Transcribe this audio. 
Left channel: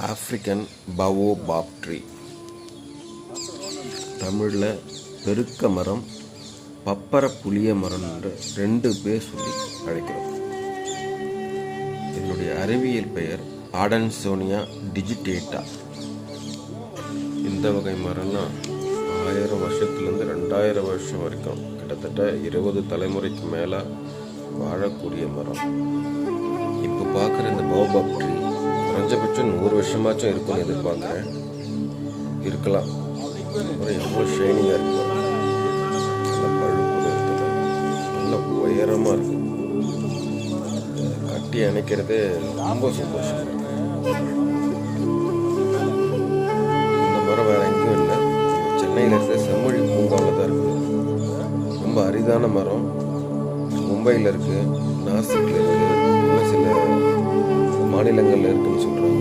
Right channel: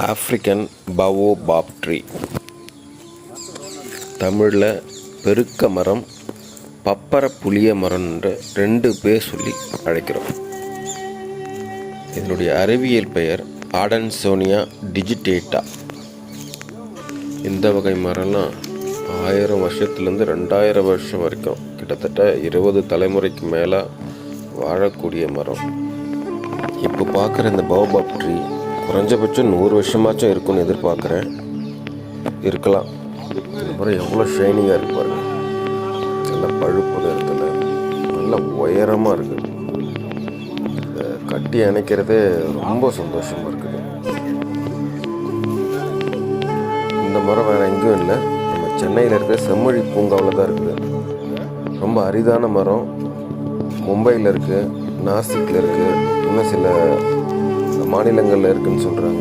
African பவோ pop tree தமிழில் பெருக்க மரம் பப்பர புளிய மரம்ன்ற ரெண்டு பேர் சொல்லி அழைக்கிறோம். இதனுடைய அறிவியல் பெயர் ஆடன்சோனியா டிஜிடேட்டா இந்த வகை மரம்லாம் ஆயிரம் வருஷத்துலேருந்து ரெண்டாயிரம் வருஷம் வரைக்கும் கிட்டத்தட்ட இருபது தலைமுறைக்கு மேலே வாழக்கூடிய மரம். இப்போ பார்க்குற இந்த பவுபாப் ட்ரீ குறைஞ்சபட்சம் நூறு வருஷமாச்சும் இருக்கும்னு எதிர்பார்க்குறேன். இருக்கலாம். அப்புறம் எவ்வளோ ஷைனிங்காக இருப்பார் நல்ல பழுப்பு இருக்குது. நல்ல உயரமாக இருக்குது கட்டி அணைக்கிறதே ரொம்ப சந்தோஷமாக இருக்குது இந்த மரம் வேறு எங்கேயும் இல்லை. நம்ம சென்னையில் இருக்க செம்மொழி பூங்காவில் தான் இருக்குது. ரொம்ப அரிதான மரம். மும்பையில் இருக்குது நாசிக்கில் இருக்குது இன்னும் சில மாநிலங்களில் இருக்குன்னு சொல்கிறாங்க